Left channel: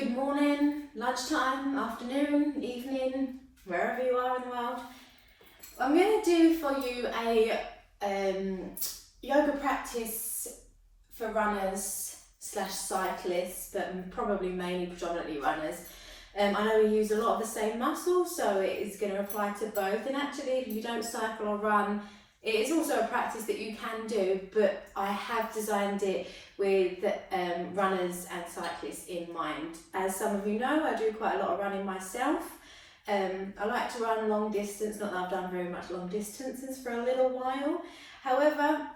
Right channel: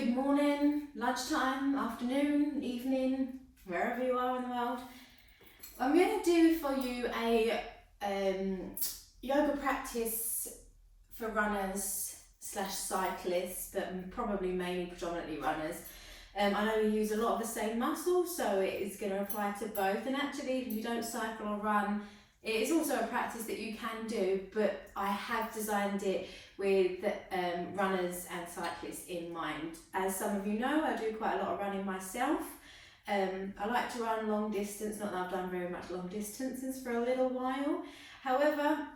good morning, lunchtime, afternoon, evening, wherever you are in the world. I'm going to do for you a yoga practice for runners / cyclists, but probably mainly predominantly runners. I know we use a lot of the same muscles, so it is going to apply to both. And actually, if you don't cycle or run, it is also a practice that you can do, but I have designed it with runners and cyclists in mind. As some of you know, I do quite a lot of running myself. I like to run long distance, not that I've done very much long distances for a little while. However,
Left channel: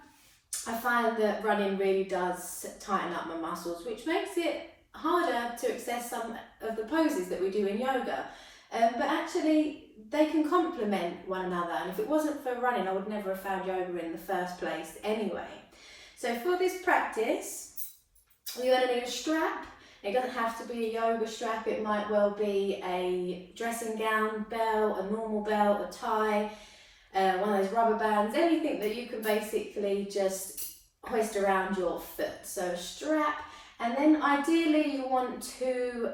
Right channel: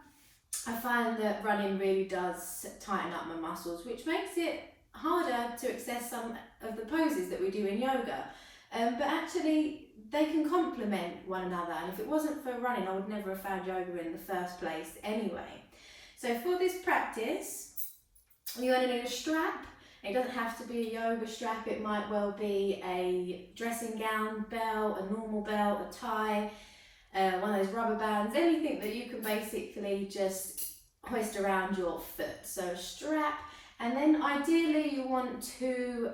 I find that running really does tighten up my muscles, which makes it harder to access some of the poses that we do in yoga. But actually, they can complement one another, and if it wasn't for running, I would never have found yoga in the first place anyway. So for this practice, you're going to need a strap. It doesn't have to be a yoga strap, it might well be a dressing gown, belt, a normal belt, a tie, one of those rubber bands, anything that you can basically just hoist around your foot. So a strap, and then ideally you want two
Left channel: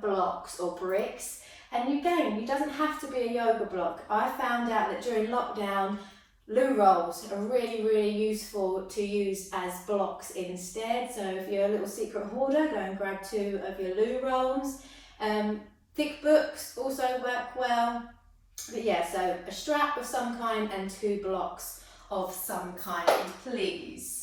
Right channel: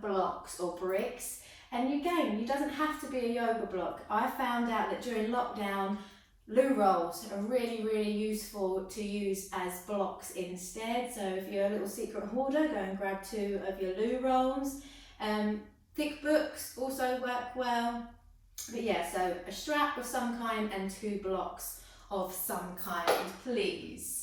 blocks or bricks. And again, it doesn't have to be a yoga block. I found out that during lockdown, loo rolls are really useful to use as blocks instead. So if you're a little secret hoarder, go and grab two of your loo rolls. Thick books also work well. But yeah, so a strap of some kind and two blocks of some kind, please.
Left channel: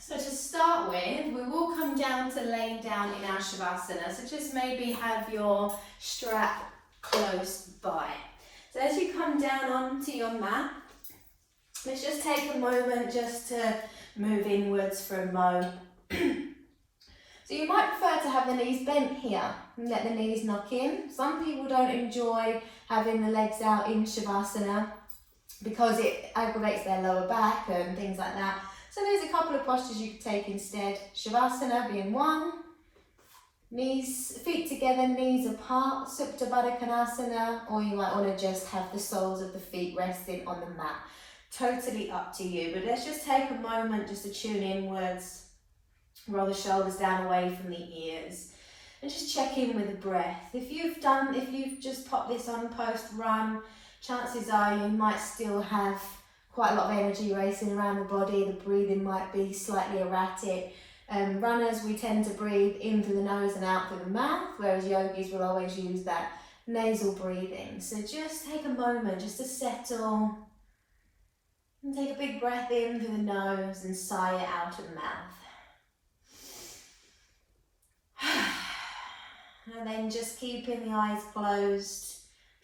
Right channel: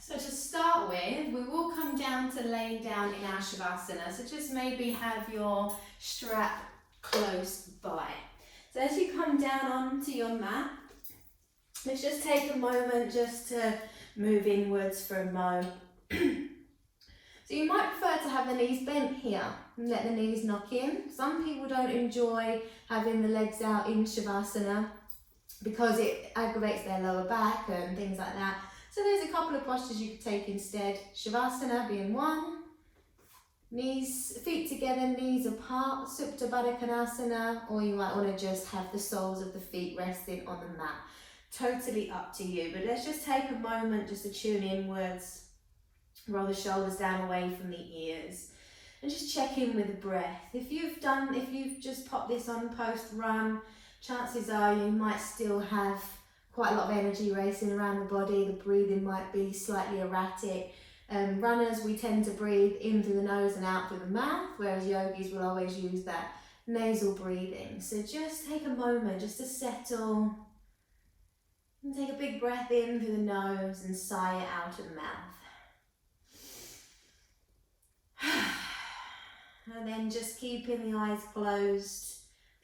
So to start with, we will come down to laying down in our Shavasana. So just maybe have your strap close by. So as you come down onto your mat, let's just take a moment just to move inwards for a mo. So you might prefer to have the knees bent here and let the knees knock in. Some people don't enjoy having the legs out in Shavasana because it aggravates their lower back and things like that. So there's a couple of postures you could take instead. Shavasana being one. Knees, feet together, knees apart, Supta Baddha Konasana, or you might want to just have the soles of the feet resting on the mat. Totally up to you, but let's just take a moment just to tune inwards, roll the shoulders down away from the ears, and just check in with the breath. If you've just popped this on post-run, chances are you might still have quite a lot of energy racing around the body, the breathing might be slightly erratic. Runners, we tend to breathe in through the nose and out through the mouth, whereas yogis will always use that nasal breathing. So just take a moment just to settle and take a big breath in through the nose and sigh it out of the mouth. And then just keeping the eyes closed,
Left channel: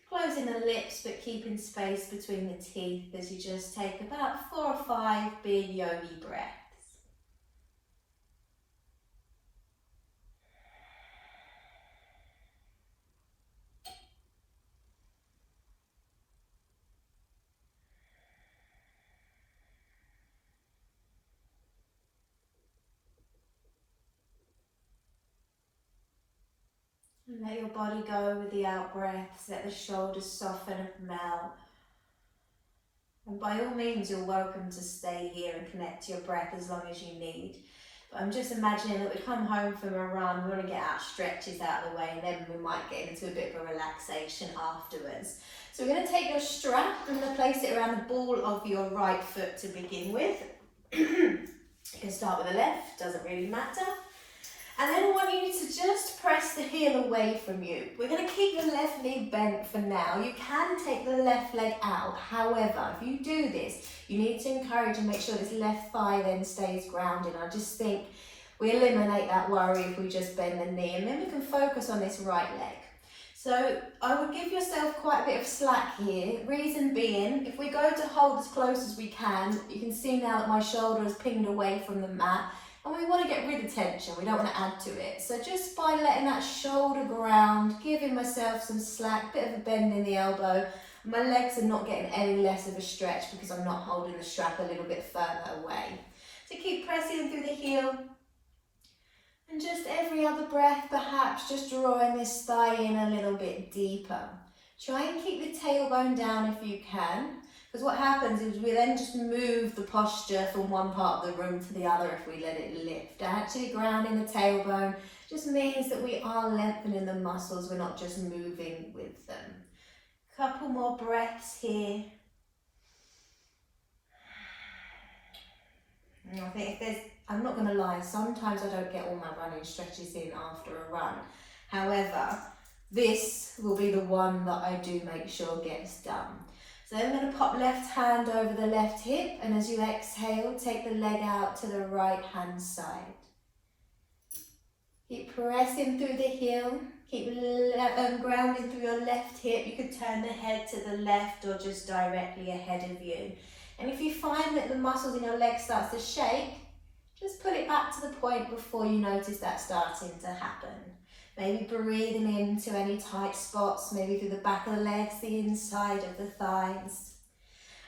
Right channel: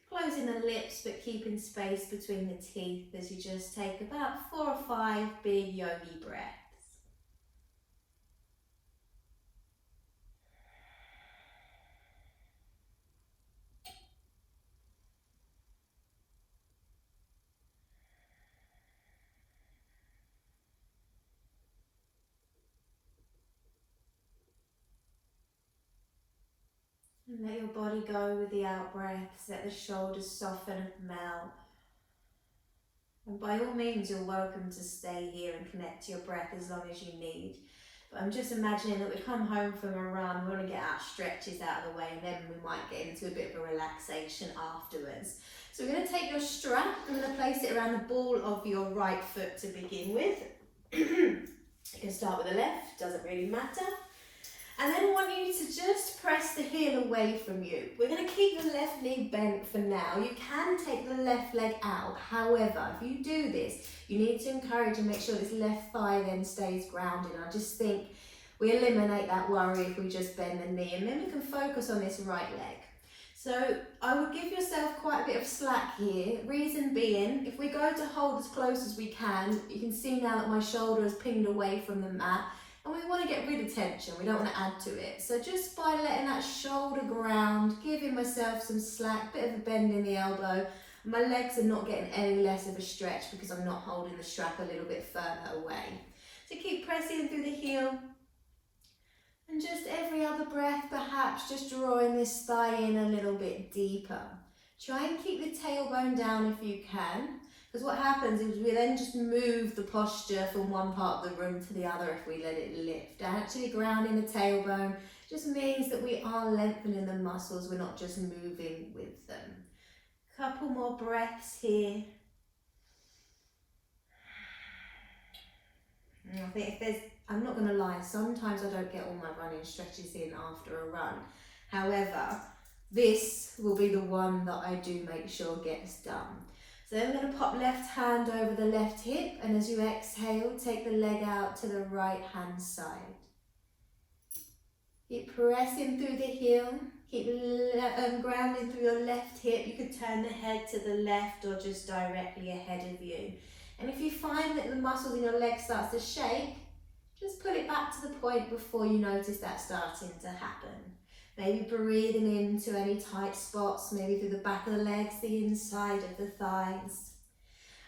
closing the lips but keeping space between the teeth as you just take about 4 or 5 big yogi breaths. And let your body go with the out breaths, let the shoulders soften and melt. And by all means, you're welcome to stay here and connect to your breath as long as you need. But I'm just imagining that we come home from a run, we want to get our stretches out of the way, and then we might get into a bit of a relaxation afterwards. So we're going to take your strap and going to place it around the ball of your right foot to begin with. You can start with the left, doesn't really matter. And then I want you to just press the heel away from you. We're going to keep the left knee bent for now. You can take the left leg out. However, if you do this, you need to encourage and make sure this left thigh then stays grounded. I just think we eliminate that worry if we just bend the knee, and then we can focus on this right leg. So I would give yourself quite a bit of slack here. Reason being, if we go to hold as close as we can, you can see now that my shoulder is pinned away from the mat. And we want to get rid of tension, we don't want to add to it. So just by letting that shoulder ground, giving myself some slack, bit of a bend in the elbow, my legs are not getting any less of a stretch because I'm not holding the strap a little bit further away. So keep pressing through the heel. And just every other breath, perhaps just drawing this thigh in a little bit deeper. Try and keep the tailbone down if you can. Because what happens is we then just move the posture from one part of the room to the other if we let it lift. Actually grounding the tailbone just means that we are lengthening the muscles, we're not just moving with them. Couple more breaths here. And I think I'm not going to lie, sometimes I don't get all my running stretches in after a run. However, this will be the one that I do make sure gets done. So I'm going to pop left hand over the left hip, and as you exhale, take the leg out to the right hand side. Keep pressing through the heel, keep grounding through your left hip. You could turn the head to the left or just directly ahead of you. And if you find that the muscles in your leg starts to shake, just put it back to the point before you notice that starting to happen. Maybe breathing into any tight spots, maybe through the back of the legs, the inside of the thighs.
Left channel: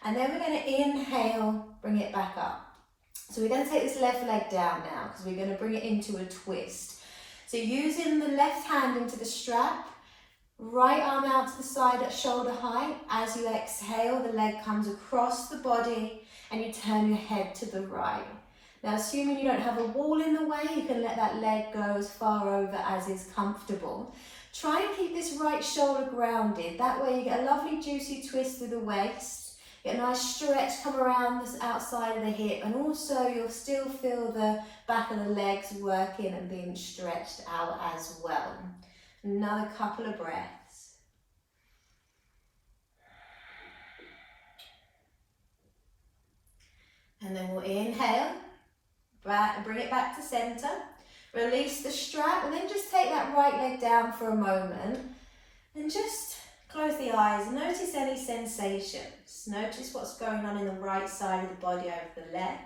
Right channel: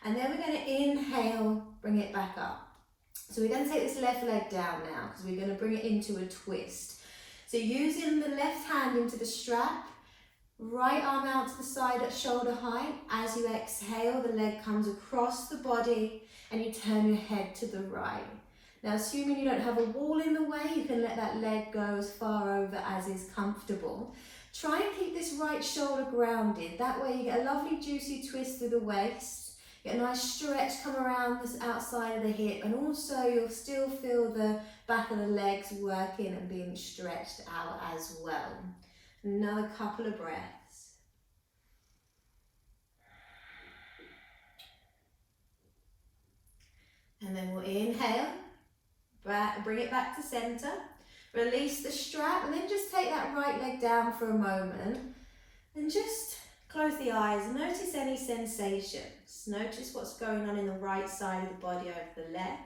And then we're going to inhale, bring it back up. So we're going to take this left leg down now because we're going to bring it into a twist. So using the left hand into the strap, right arm out to the side at shoulder height. As you exhale, the leg comes across the body and you turn your head to the right. Now, assuming you don't have a wall in the way, you can let that leg go as far over as is comfortable. Try and keep this right shoulder grounded. That way you get a lovely juicy twist through the waist. Get a nice stretch come around this outside of the hip, and also you'll still feel the back of the legs working and being stretched out as well. Another couple of breaths. And then we'll inhale. Bring it back to center, release the strap, and then just take that right leg down for a moment and just close the eyes. Notice any sensations. Notice what's going on in the right side of the body over the left.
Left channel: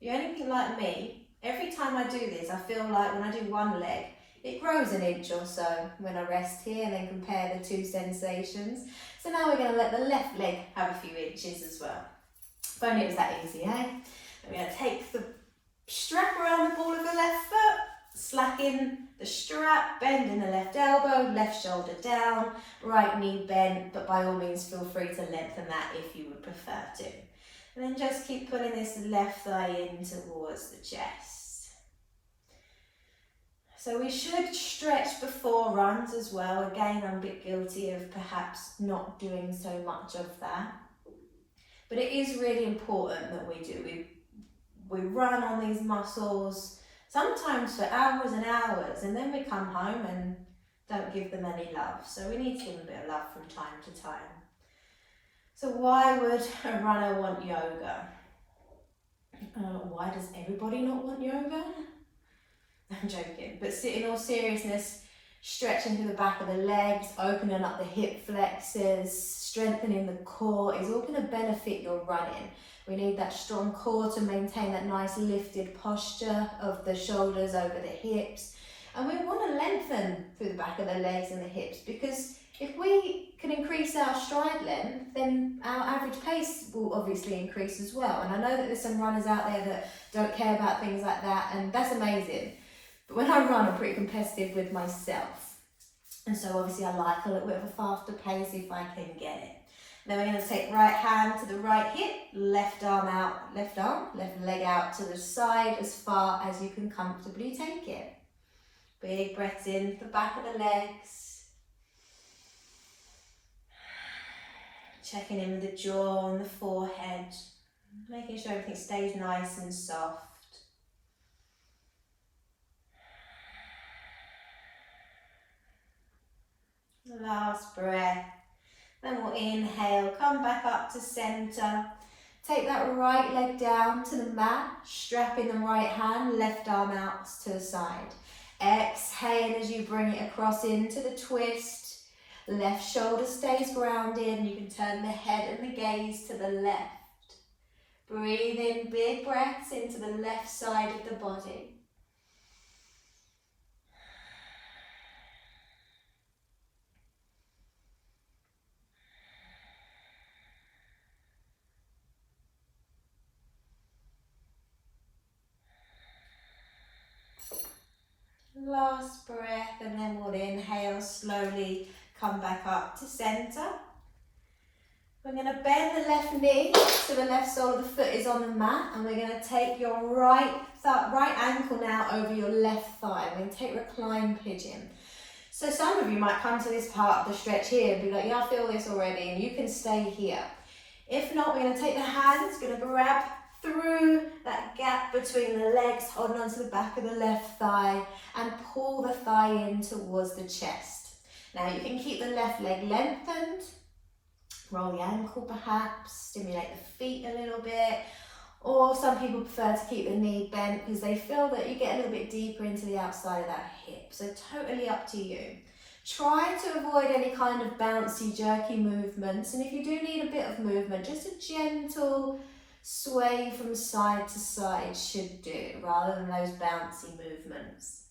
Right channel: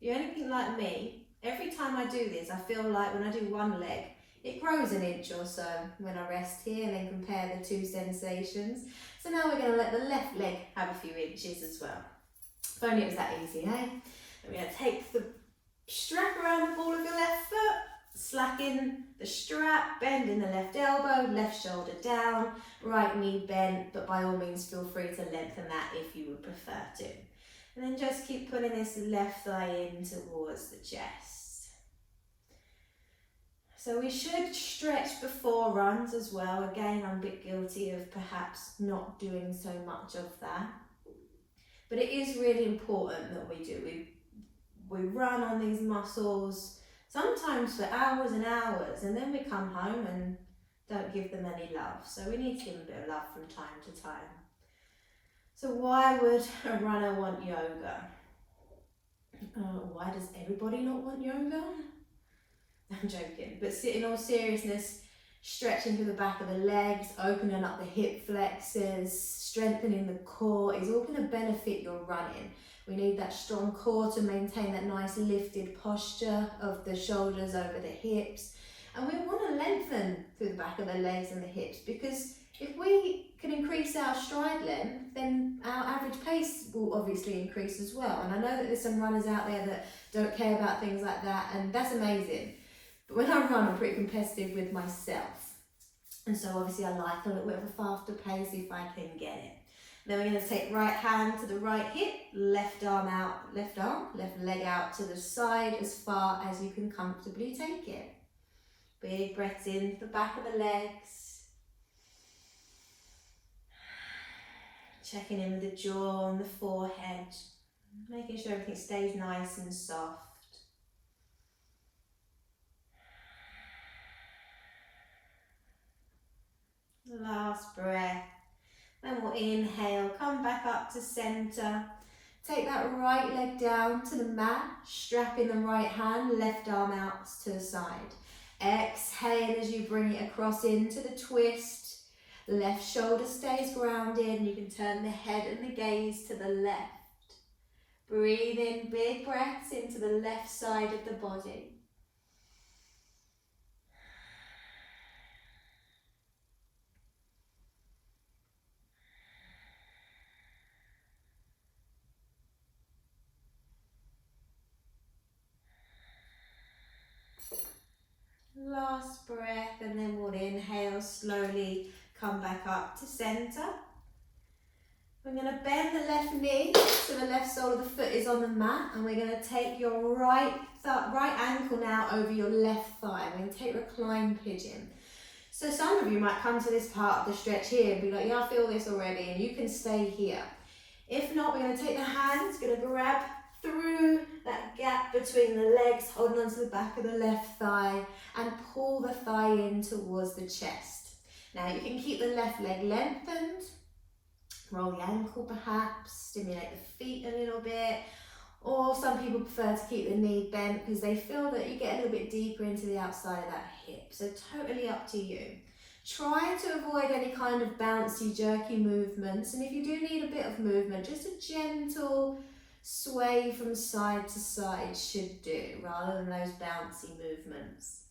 If you're anything like me, every time I do this, I feel like when I do one leg, it grows an inch or so when I rest here and then compare the two sensations. So now we're going to let the left leg have a few inches as well. If only it was that easy, eh? I'm going to take the strap around the ball of the left foot, slacken the strap, bend in the left elbow, left shoulder down, right knee bent, but by all means feel free to lengthen that if you would prefer to. And then just keep pulling this left thigh in towards the chest. So we should stretch before runs as well. Again, I'm a bit guilty of perhaps not doing so much of that. But it is really important that we do. We run on these muscles, sometimes for hours and hours, and then we come home and don't give them any love. So we need to give them a bit of love from time to time. So why would a runner want yoga? Why does everybody not want yoga? I'm joking, but in all seriousness, stretching through the back of the legs, opening up the hip flexors, strengthening the core is all going to benefit your running. We need that strong core to maintain that nice lifted posture of the shoulders over the hips. And we want to lengthen through the back of the legs and the hips, because if we can increase our stride length, then our average pace will obviously increase as well. And I know that there's some runners out there that don't care about things like that, and that's amazing. But when I run, I'm pretty competitive with myself. And so obviously I like a little bit of a faster pace if I can get it. Then we're going to take right hand to the right hip, left leg out to the side as far as you can comfortably take it. Big breaths in the back of the legs. Checking in with the jaw and the forehead, making sure everything stays nice and soft. Last breath. Then we'll inhale, come back up to center. Take that right leg down to the mat, strap in the right hand, left arm out to the side. Exhale as you bring it across into the twist. Left shoulder stays grounded, and you can turn the head and the gaze to the left. Breathe in big breaths into the left side of the body. Last breath, and then we'll inhale slowly, come back up to center. We're going to bend the left knee so the left sole of the foot is on the mat, and we're going to take your right ankle now over your left thigh. We're going to take recline pigeon. So some of you might come to this part of the stretch here and be like, yeah, I feel this already, and you can stay here. If not, we're going to take the hands, going to grab through that gap between the legs, holding onto the back of the left thigh, and pull the thigh in towards the chest. Now you can keep the left leg lengthened, roll the ankle perhaps, stimulate the feet a little bit, or some people prefer to keep the knee bent because they feel that you get a little bit deeper into the outside of that hip. So totally up to you. Try to avoid any kind of bouncy, jerky movements, and if you do need a bit of movement, just a gentle sway from side to side should do, rather than those bouncy movements.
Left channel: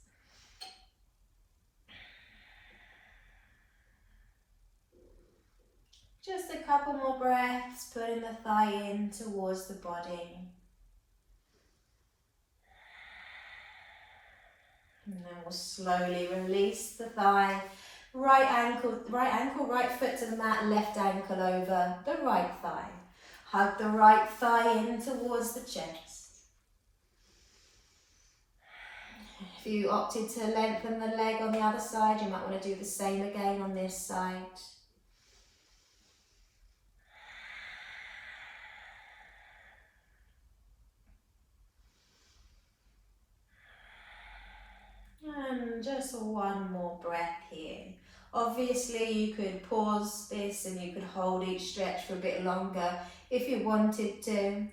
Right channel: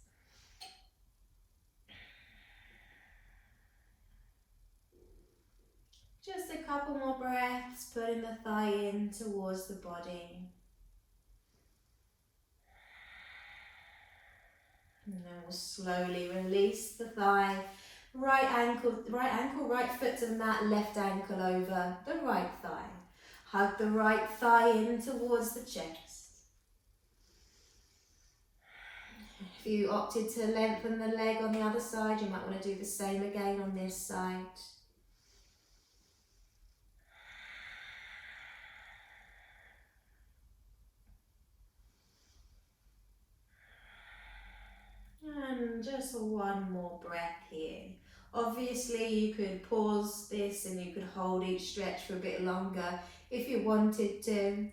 Just a couple more breaths, putting the thigh in towards the body. And then we'll slowly release the thigh. Right ankle, right foot to the mat, left ankle over the right thigh. Hug the right thigh in towards the chest. If you opted to lengthen the leg on the other side, you might want to do the same again on this side. And just one more breath here. Obviously you could pause this and you could hold each stretch for a bit longer if you wanted to.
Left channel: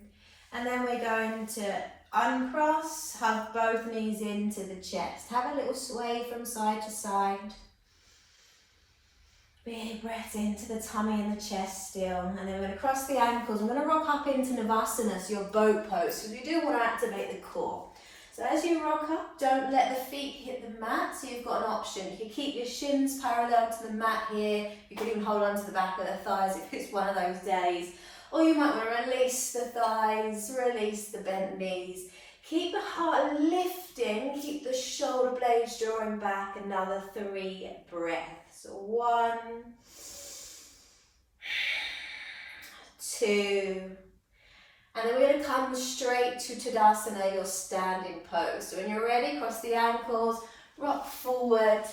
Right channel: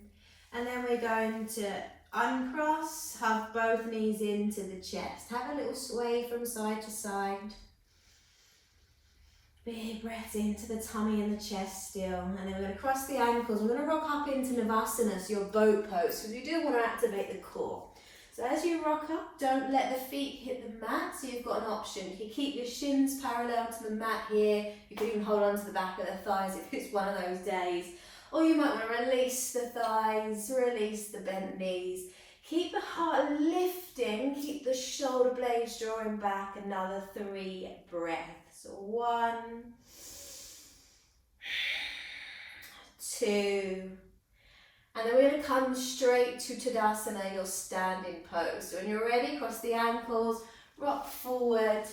And then we're going to uncross, hug both knees into the chest. Have a little sway from side to side. Big breath into the tummy and the chest still. And then we're going to cross the ankles. We're going to rock up into Navasana, so your boat pose, because we do want to activate the core. So as you rock up, don't let the feet hit the mat, so you've got an option. You can keep your shins parallel to the mat here. You can even hold on to the back of the thighs if it's one of those days. Or you might want to release the thighs, release the bent knees. Keep the heart lifting, keep the shoulder blades drawing back. Another 3 breaths. 1, 2, and then we're going to come straight to Tadasana, your standing pose. So when you're ready, cross the ankles, rock forward,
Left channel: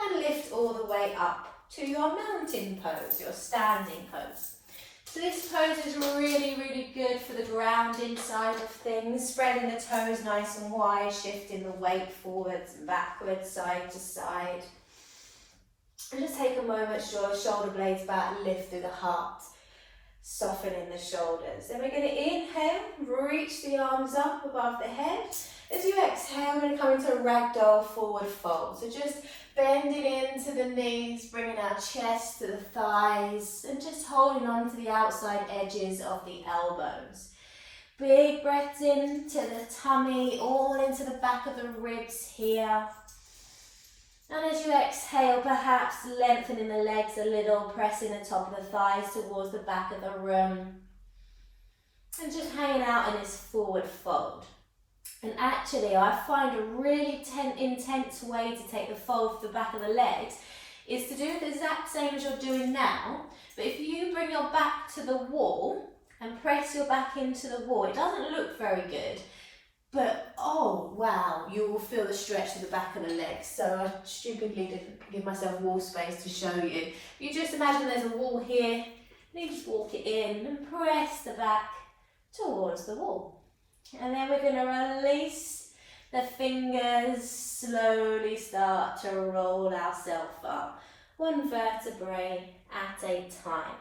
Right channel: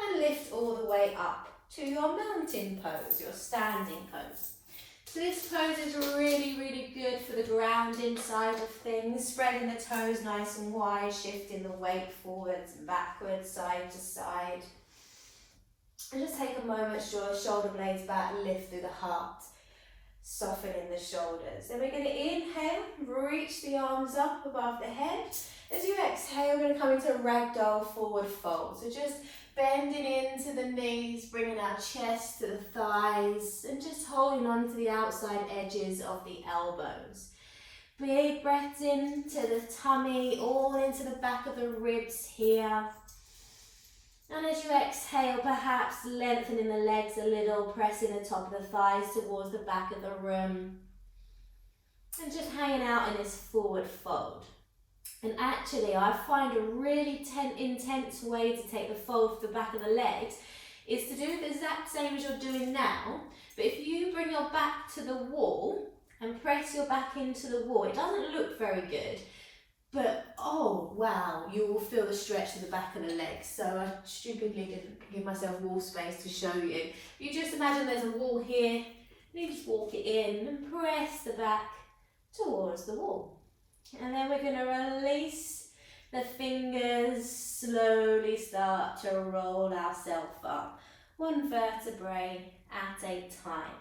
and lift all the way up to your mountain pose, your standing pose. So this pose is really, really good for the grounding side of things, spreading the toes nice and wide, shifting the weight forwards and backwards, side to side. And just take a moment to draw the shoulder blades back, lift through the heart. Softening the shoulders. Then we're going to inhale, reach the arms up above the head. As you exhale, we're going to come into a ragdoll forward fold. So just bending into the knees, bringing our chest to the thighs, and just holding on to the outside edges of the elbows. Big breaths into the tummy, all into the back of the ribs here. And as you exhale, perhaps lengthening the legs a little, pressing the top of the thighs towards the back of the room. And just hanging out in this forward fold. And actually, I find a really intense way to take the fold to the back of the legs is to do the exact same as you're doing now. But if you bring your back to the wall and press your back into the wall, it doesn't look very good. But, oh wow, you will feel the stretch to the back of the legs. So I stupidly didn't give myself wall space to show you. You just imagine there's a wall here, and you just walk it in and press the back towards the wall. And then we're going to release the fingers, slowly start to roll ourselves up, one vertebrae at a time.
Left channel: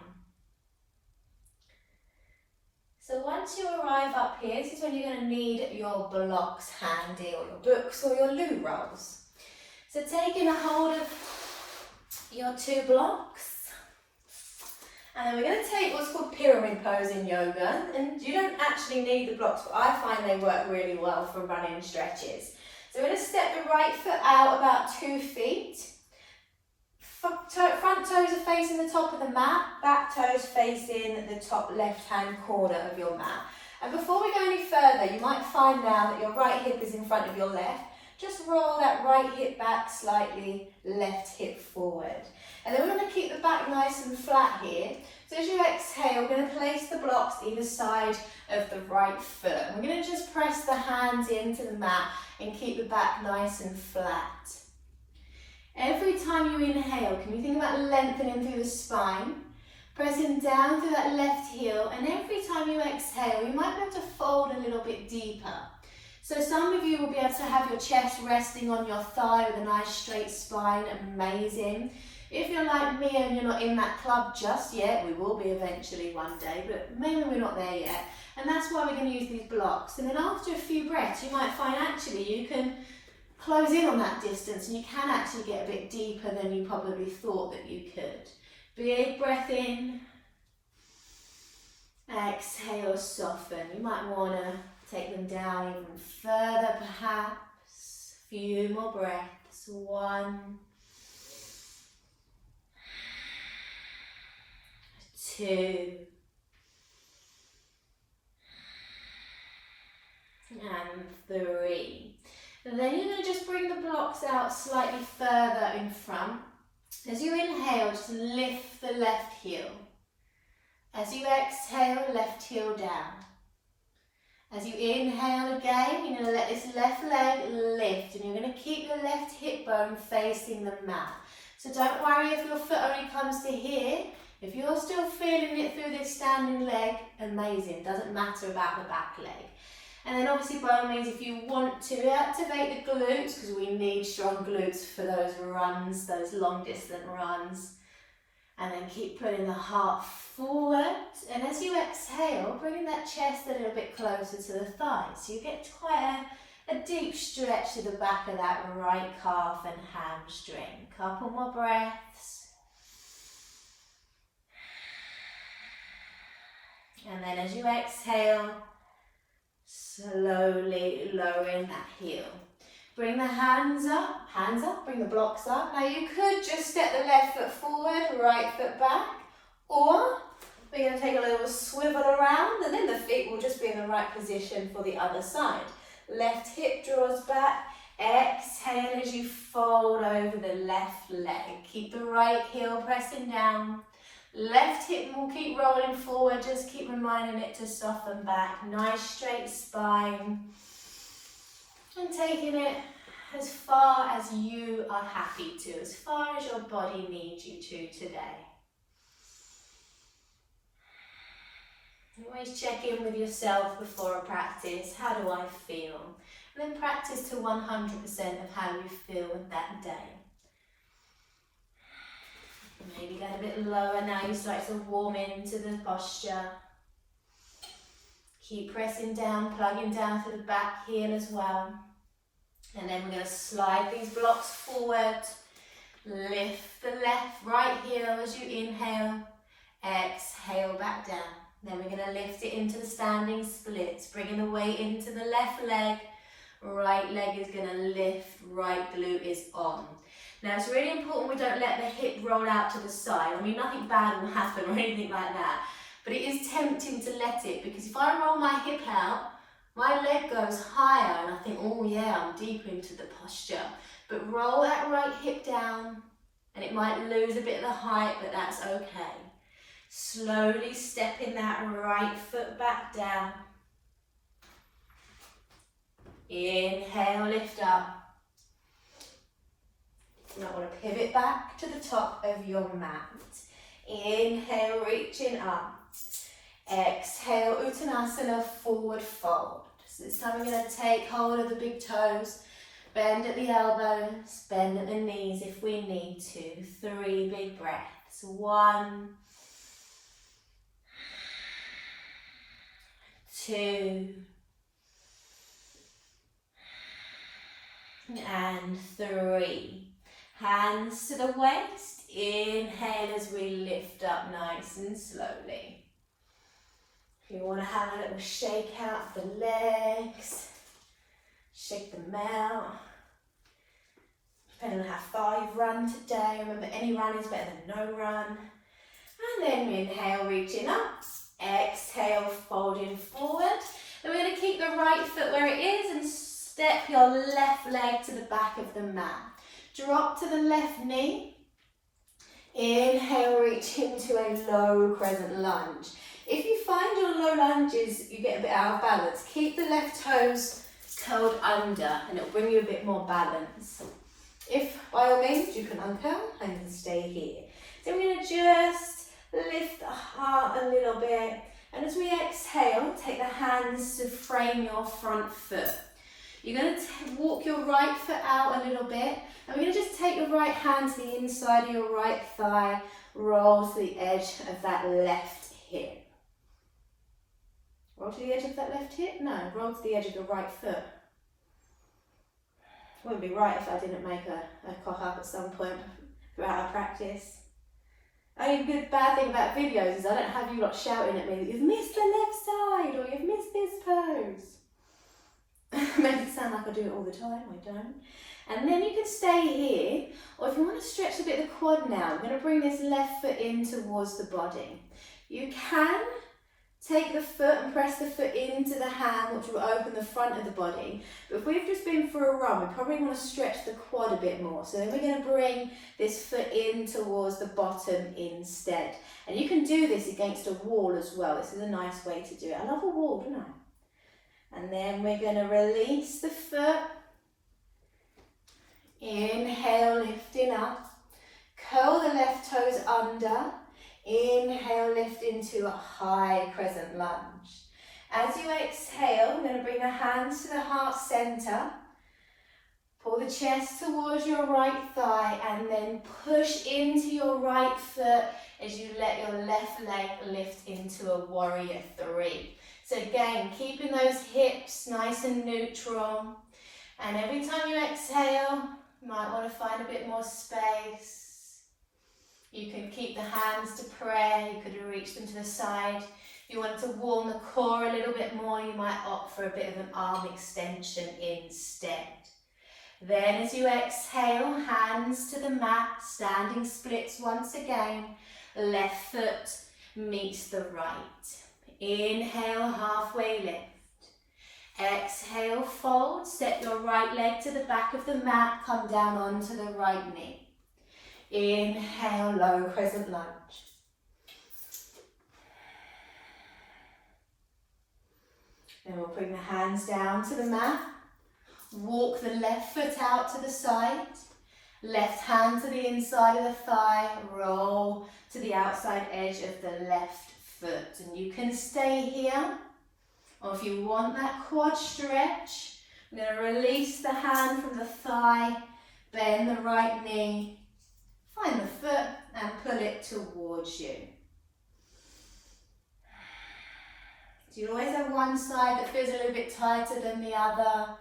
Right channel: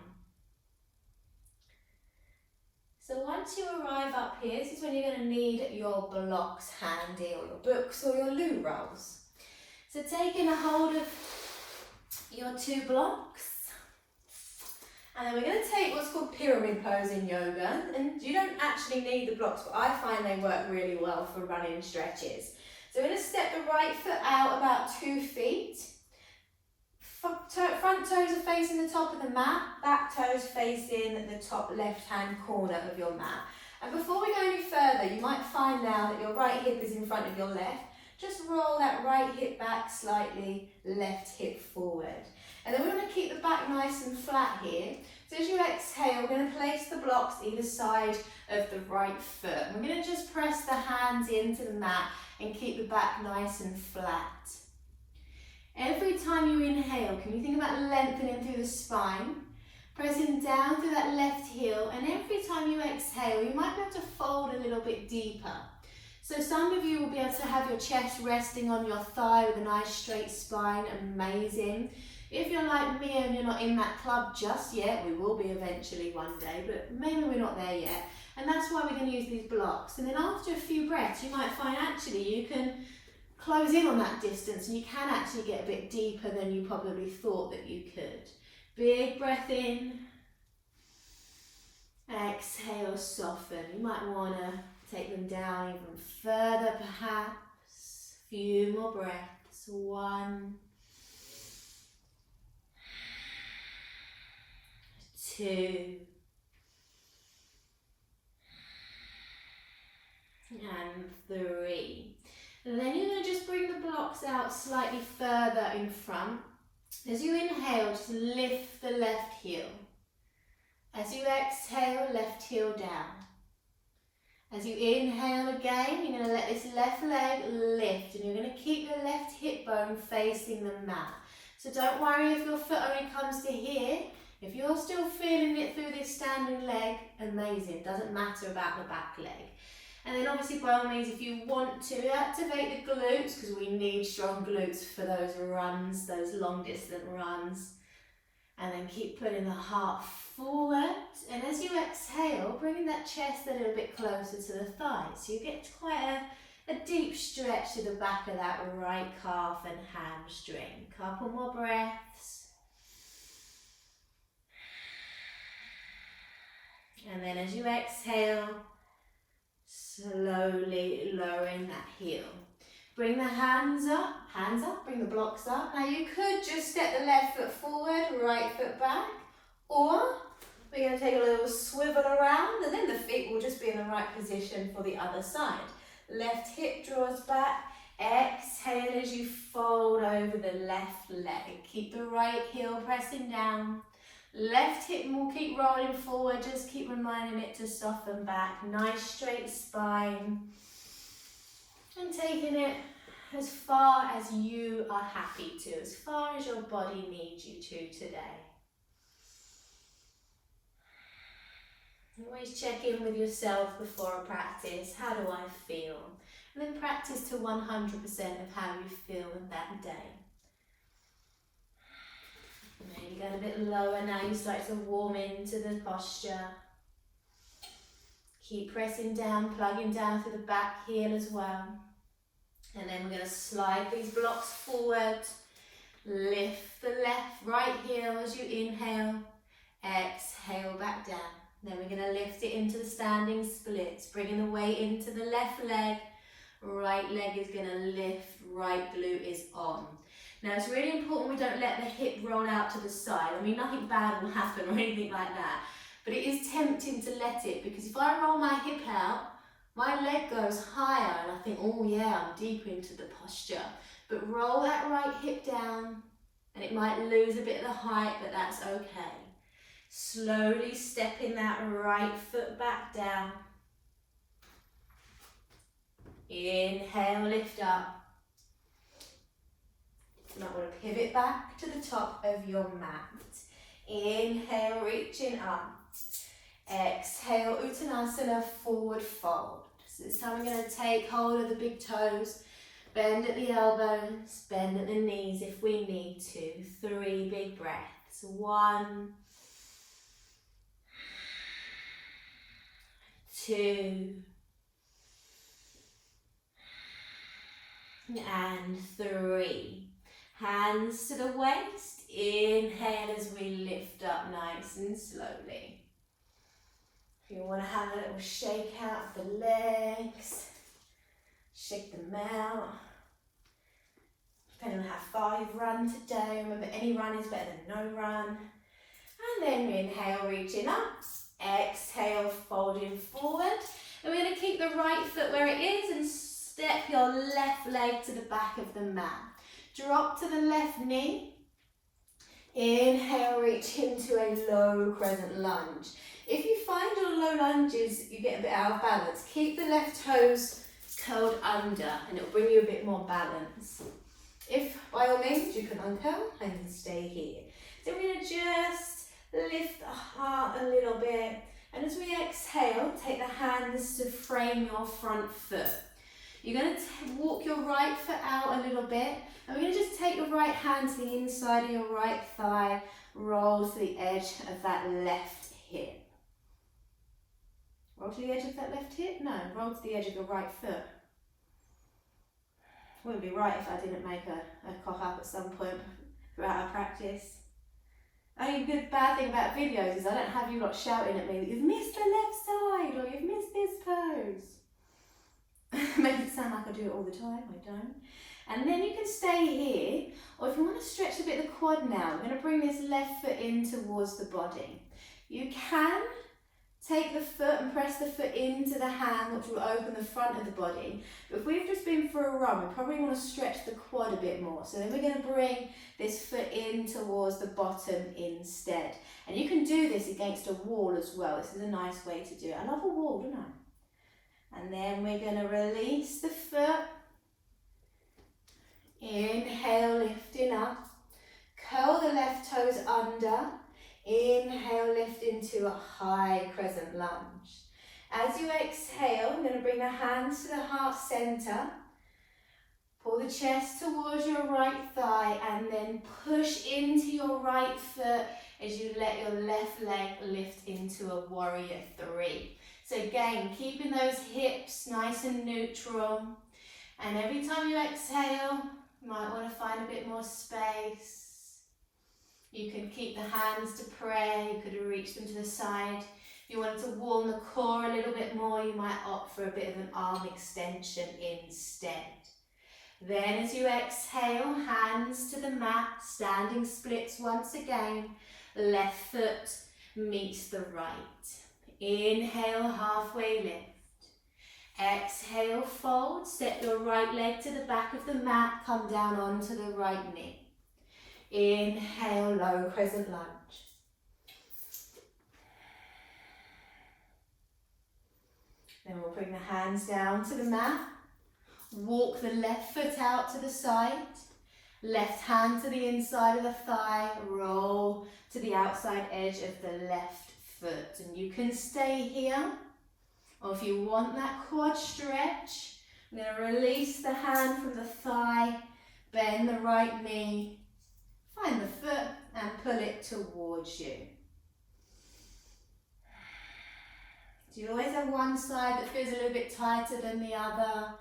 So once you arrive up here, this is when you're going to need your blocks handy, or your books, or your loo rolls. So taking a hold of your 2 blocks, and then we're going to take what's called pyramid pose in yoga, and you don't actually need the blocks, but I find they work really well for running stretches. So we're going to step the right foot out about 2 feet. Front toes are facing the top of the mat, back toes facing the top left-hand corner of your mat. And before we go any further, you might find now that your right hip is in front of your left. just roll that right hip back slightly, left hip forward. And then we're going to keep the back nice and flat here. So as you exhale, we're going to place the blocks either side of the right foot. We're going to just press the hands into the mat and keep the back nice and flat. Every time you inhale, can you think about lengthening through the spine? Pressing down through that left heel, and every time you exhale, you might be able to fold a little bit deeper. So some of you will be able to have your chest resting on your thigh with a nice straight spine, amazing. If you're like me and you're not in that club just yet, we will be eventually one day, but maybe we're not there yet. And that's why we're going to use these blocks. And then after a few breaths, you might find actually you can close in on that distance and you can actually get a bit deeper than you probably thought that you could. Big breath in. Exhale, soften. You might want to take them down even further perhaps. A few more breaths. 1, 2, and 3. And then you're going to just bring the blocks out slightly further in front. As you inhale, just lift the left heel. As you exhale, left heel down. As you inhale again, you're going to let this left leg lift and you're going to keep the left hip bone facing the mat. So don't worry if your foot only comes to here. If you're still feeling it through this standing leg, amazing. Doesn't matter about the back leg. And then obviously by all means, if you want to activate the glutes, because we need strong glutes for those runs, those long distance runs. And then keep putting the heart forward. And as you exhale, bringing that chest a little bit closer to the thighs. So you get quite a deep stretch to the back of that right calf and hamstring. Couple more breaths. And then as you exhale, slowly lowering that heel. Bring the hands up, bring the blocks up. Now you could just step the left foot forward, right foot back, or we're going to take a little swivel around and then the feet will just be in the right position for the other side. Left hip draws back, exhale as you fold over the left leg. Keep the right heel pressing down. Left hip will keep rolling forward, just keep reminding it to soften back. Nice straight spine. And taking it as far as you are happy to, as far as your body needs you to today. Always check in with yourself before a practice. How do I feel? And then practice to 100% of how you feel that day. Maybe get a bit lower now, you start to warm into the posture. Keep pressing down, plugging down to the back heel as well. And then we're going to slide these blocks forward. Lift the right heel as you inhale. Exhale back down. Then we're going to lift it into the standing splits, bringing the weight into the left leg. Right leg is going to lift, right glute is on. Now it's really important we don't let the hip roll out to the side. I mean, nothing bad will happen or anything like that. But it is tempting to let it, because if I roll my hip out, my leg goes higher and I think, oh yeah, I'm deeper into the posture. But roll that right hip down and it might lose a bit of the height, but that's okay. Slowly stepping that right foot back down. Inhale, lift up. You might want to pivot back to the top of your mat. Inhale, reaching up. Exhale, Uttanasana, forward fold. So this time we're going to take hold of the big toes, bend at the elbows, bend at the knees if we need to. 3 big breaths. 1, 2, and 3. Hands to the waist. Inhale as we lift up nice and slowly. If you want to have a little shake out the legs, shake them out. Depending on how far you've run today, remember any run is better than no run. And then inhale, reaching up. Exhale, folding forward. And we're going to keep the right foot where it is and step your left leg to the back of the mat. Drop to the left knee. Inhale, reach into a low crescent lunge. If you find your low lunges, you get a bit out of balance, keep the left toes curled under and it'll bring you a bit more balance. If, by all means, you can uncurl and you can stay here. Then we're going to just lift the heart a little bit. And as we exhale, take the hands to frame your front foot. You're going to walk your right foot out a little bit. And we're going to just take your right hand to the inside of your right thigh, roll to the edge of that left hip. Roll to the edge of that left hip? No, roll to the edge of your right foot. Wouldn't be right if I didn't make a cough up at some point throughout our practice. Only good bad thing about videos is I don't have you lot shouting at me that you've missed the left side or you've missed this pose. Makes it sound like I do it all the time, I don't. And then you can stay here, or if you want to stretch a bit of the quad now, I'm going to bring this left foot in towards the body. You can take the foot and press the foot into the hand, which will open the front of the body. But if we've just been for a run, we probably want to stretch the quad a bit more. So then we're going to bring this foot in towards the bottom instead. And you can do this against a wall as well. This is a nice way to do it. I love a wall, don't I? And then we're going to release the foot. Inhale, lifting up. Curl the left toes under. Inhale, lift into a high crescent lunge. As you exhale, I'm going to bring the hands to the heart center. Pull the chest towards your right thigh and then push into your right foot as you let your left leg lift into a warrior three. So again, keeping those hips nice and neutral. And every time you exhale, you might want to find a bit more space. You can keep the hands to pray, you could reach them to the side. If you wanted to warm the core a little bit more, you might opt for a bit of an arm extension instead. Then as you exhale, hands to the mat, standing splits once again. Left foot meets the right. Inhale, halfway lift. Exhale, fold, step your right leg to the back of the mat, come down onto the right knee. Inhale, low crescent lunge. Then we'll bring the hands down to the mat. Walk the left foot out to the side. Left hand to the inside of the thigh. Roll to the outside edge of the left foot. And you can stay here. Or if you want that quad stretch, I'm going to release the hand from the thigh. Bend the right knee. Find the foot and pull it towards you. So you always have one side that feels a little bit tighter than the other.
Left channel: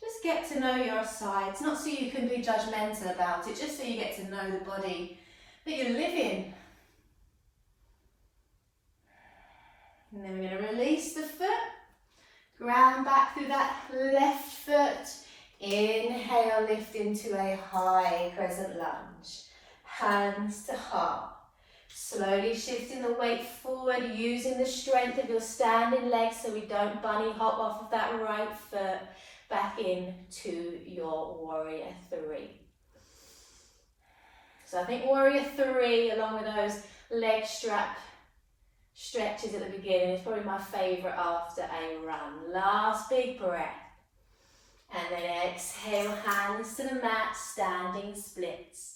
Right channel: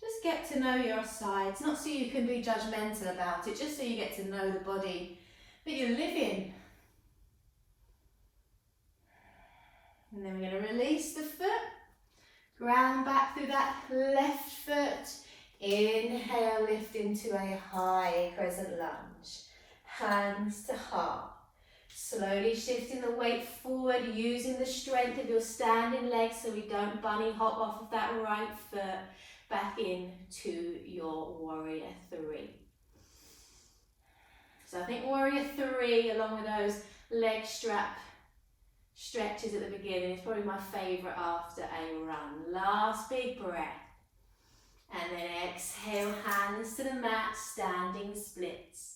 Just get to know your sides, not so you can be judgmental about it, just so you get to know the body that you live in. And then we're going to release the foot, ground back through that left foot. Inhale, lift into a high crescent lunge. Hands to heart. Slowly shifting the weight forward, using the strength of your standing legs so we don't bunny hop off of that right foot back into your warrior three. So I think warrior three, along with those leg strap stretches at the beginning, is probably my favourite after a run. Last big breath. And then exhale, hands to the mat, standing splits.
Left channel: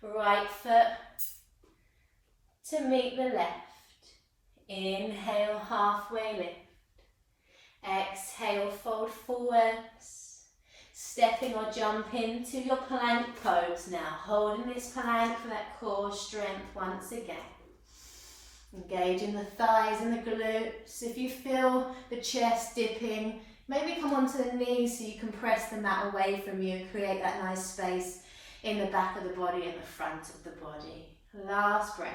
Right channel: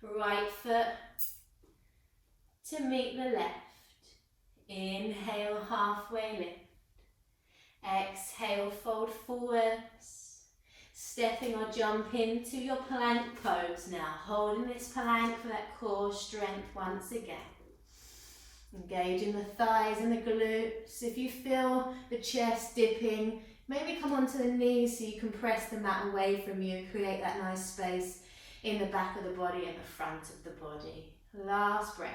Right foot to meet the left. Inhale, halfway lift. Exhale, fold forwards. Stepping or jump into your plank pose now. Holding this plank for that core strength once again. Engaging the thighs and the glutes. If you feel the chest dipping, maybe come onto the knees so you can press the mat away from you. Create that nice space in the back of the body and the front of the body. Last breath.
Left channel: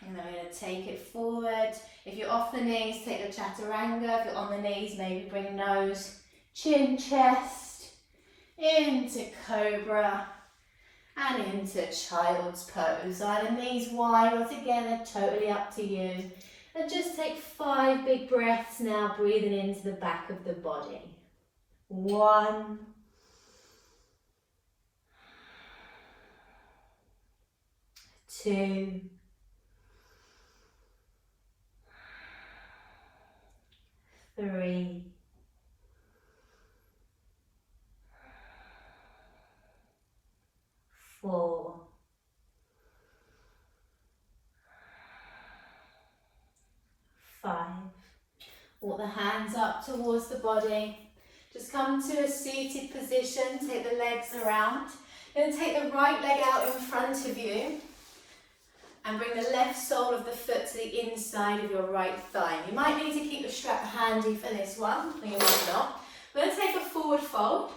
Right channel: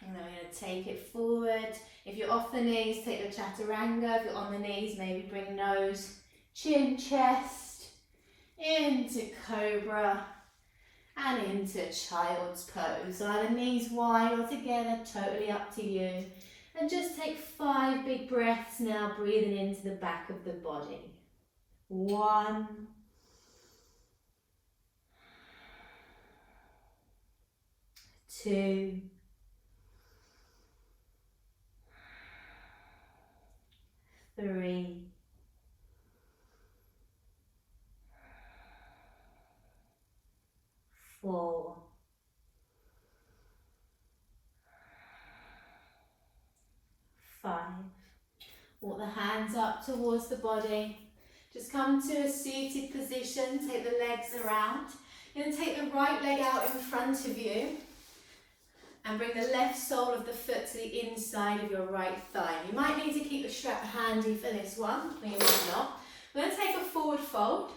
And then we're going to take it forward. If you're off the knees, take your chaturanga. If you're on the knees, maybe bring nose, chin, chest, into cobra and into child's pose. Either knees wide or together, totally up to you. And just take 5 big breaths now, breathing into the back of the body. 1, 2, 3, 4, 5. Walk the hands up towards the body. Just come to a seated position, take the legs around. You're going to take the right leg out in front of you and bring the left sole of the foot to the inside of your right thigh. You might need to keep the strap handy for this one, or you might not. We're going to take a forward fold.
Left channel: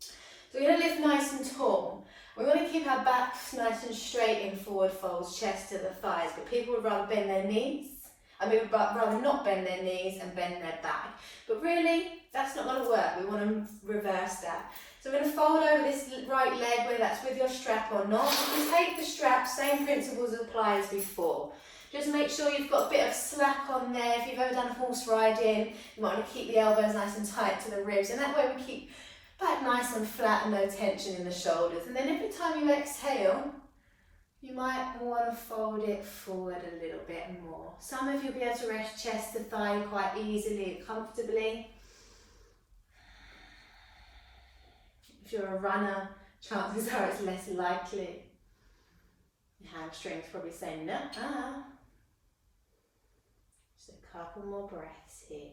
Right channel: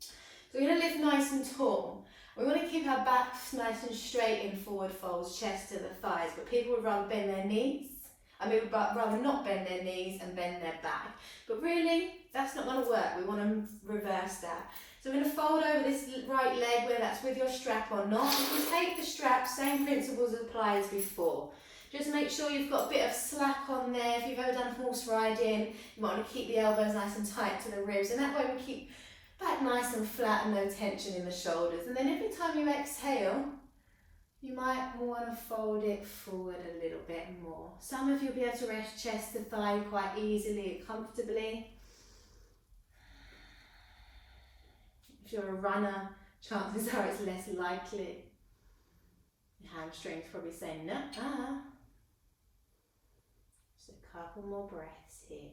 So we're going to lift nice and tall. We want to keep our backs nice and straight in forward folds, chest to the thighs, but people would rather bend their knees. Would rather not bend their knees and bend their back. But really, that's not going to work. We want to reverse that. So we're going to fold over this right leg, whether that's with your strap or not. If you take the strap, same principles apply as before. Just make sure you've got a bit of slack on there. If you've ever done horse riding, you might want to keep the elbows nice and tight to the ribs, and that way we keep back nice and flat and no tension in the shoulders. And then every time you exhale, you might want to fold it forward a little bit more. Some of you will be able to rest chest to thigh quite easily and comfortably. If you're a runner, chances are it's less likely. Your hamstrings probably saying, no, Just a couple more breaths here.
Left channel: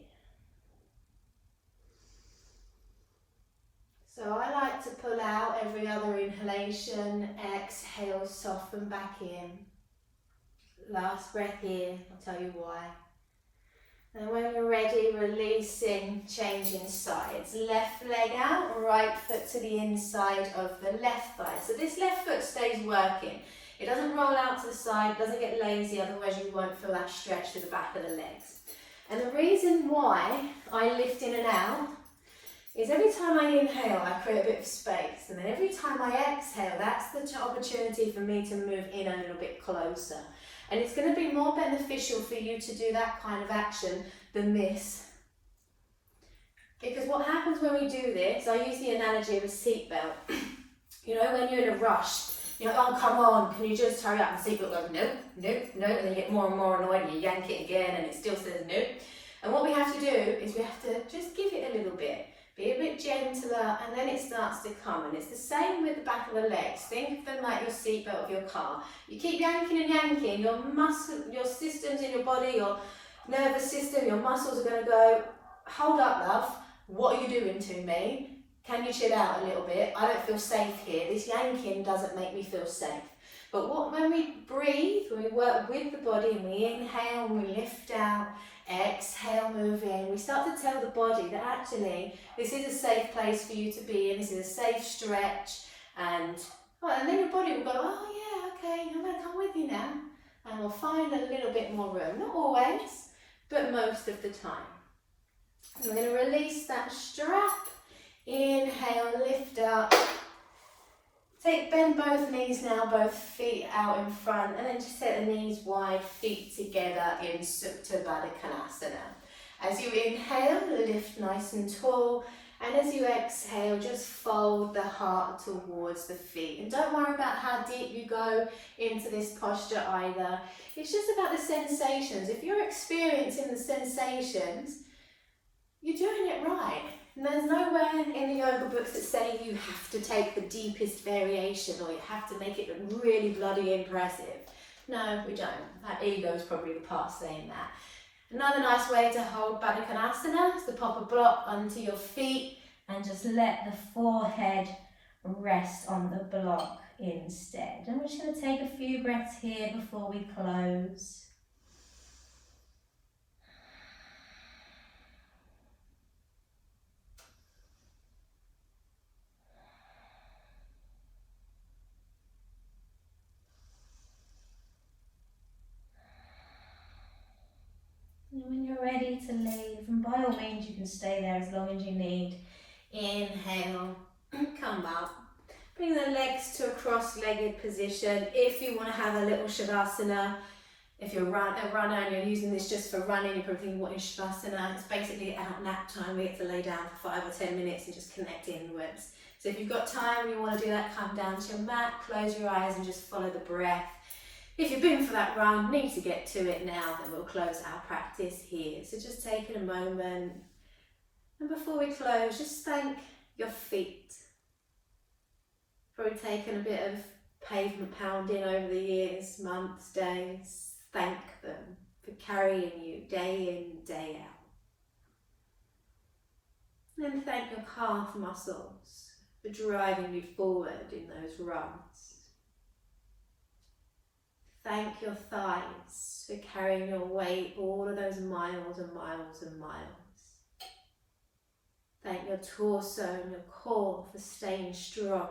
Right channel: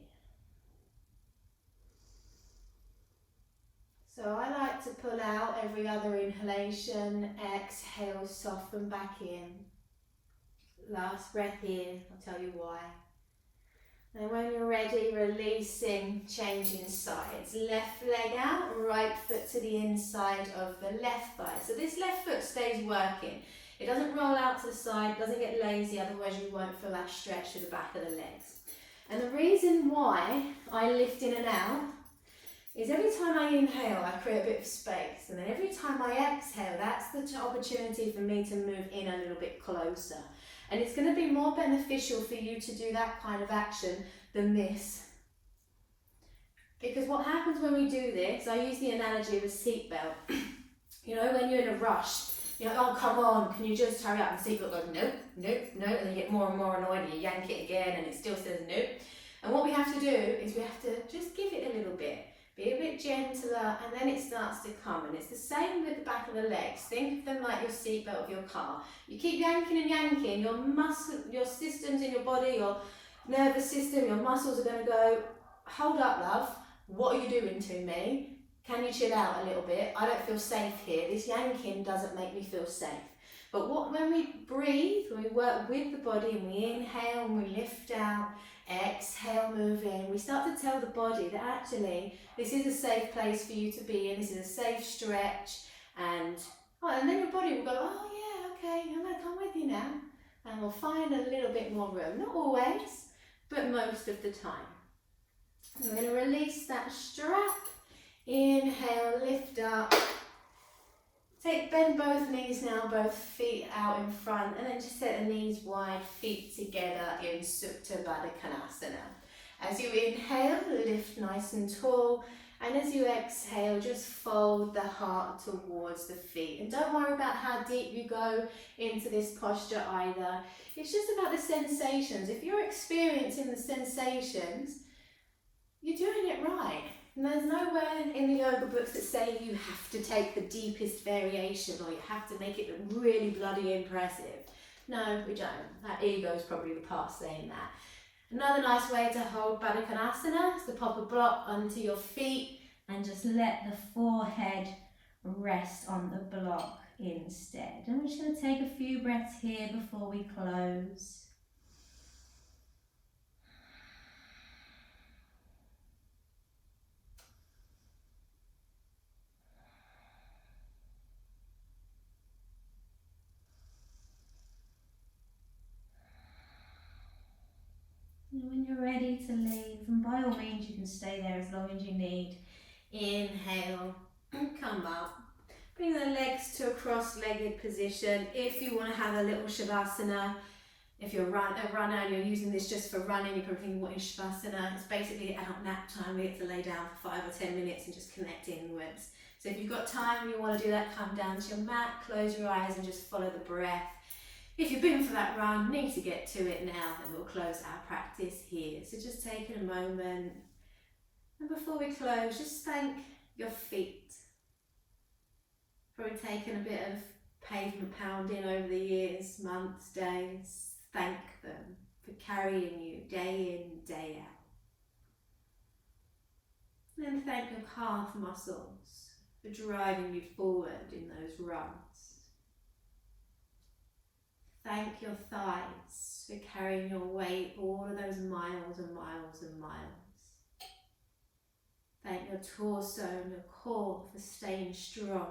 So I like to pull out every other inhalation, exhale, soften back in. Last breath here, I'll tell you why. And when you're ready, releasing, changing sides. Left leg out, right foot to the inside of the left thigh. So this left foot stays working. It doesn't roll out to the side, doesn't get lazy, otherwise you won't feel that stretch to the back of the legs. And the reason why I lift in and out is every time I inhale, I create a bit of space. And then every time I exhale, that's the opportunity for me to move in a little bit closer. And it's going to be more beneficial for you to do that kind of action than this. Because what happens when we do this, I use the analogy of a seatbelt. You know, when you're in a rush, you're like, oh, come on, can you just hurry up? And the seatbelt goes, no, no, no. And then you get more and more annoyed and you yank it again and it still says no. And what we have to do is we have to just give it a little bit. Be a bit gentler, and then it starts to come. And it's the same with the back of the legs. Think of them like your seatbelt of your car. You keep yanking and yanking, your systems in your body, your nervous system, your muscles are going to go, hold up, love, what are you doing to me? Can you chill out a little bit? I don't feel safe here. This yanking doesn't make me feel safe. But when we breathe, when we work with the body and we inhale and we lift out, exhale, move in, we start to tell the body that actually this is a safe place for you to be in, this is a safe stretch, and then your body will go, oh yeah, okay, I'm going to come with you now, and we'll find a little bit more room. Not always, but most of the time. And we're going to release that strap, inhale, lift up. Bend both knees now, both feet out in front, and then just set the knees wide, feet together in Supta Baddha Konasana. As you inhale, lift nice and tall, and as you exhale, just fold the heart towards the feet. And don't worry about how deep you go into this posture either. It's just about the sensations. If you're experiencing the sensations, you're doing it right. And there's nowhere in the yoga books that say you have to take the deepest variation or you have to make it look really bloody impressive. No, we don't. That ego's probably the part saying that. Another nice way to hold Baddha Konasana is to pop a block onto your feet and just let the forehead rest on the block instead. And we're just going to take a few breaths here before we close. And when you're ready to leave, and by all means you can stay there as long as you need. Inhale, come up. Bring the legs to a cross-legged position. If you want to have a little Shavasana, If you're a runner and you're using this just for running, you're probably thinking, what is Shavasana? It's basically at nap time. We get to lay down for 5 or 10 minutes and just connect inwards. So if you've got time and you want to do that, come down to your mat, close your eyes and just follow the breath. If you've been for that run, need to get to it now, then we'll close our practice here. So just taking a moment. And before we close, just thank your feet. Probably taken a bit of pavement pounding over the years, months, days. Thank them for carrying you day in, day out. And then thank your calf muscles for driving you forward in those runs. Thank your thighs for carrying your weight all of those miles and miles and miles. Thank your torso and your core for staying strong,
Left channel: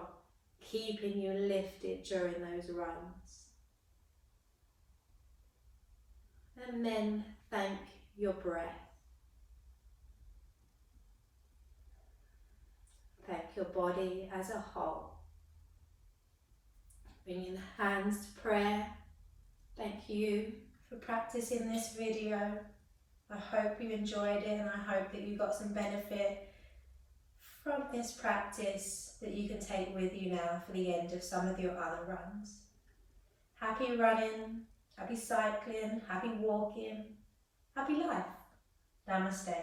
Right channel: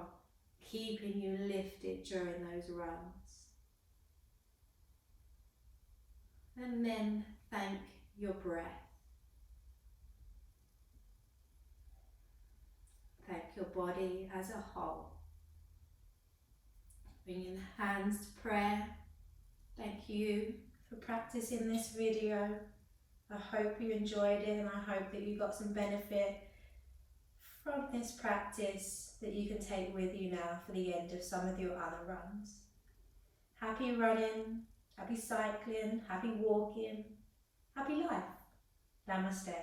keeping you lifted during those runs. And then thank your breath. Thank your body as a whole. Bringing the hands to prayer. Thank you for practicing this video. I hope you enjoyed it and I hope that you got some benefit from this practice that you can take with you now for the end of some of your other runs. Happy running, happy cycling, happy walking, happy life. Namaste.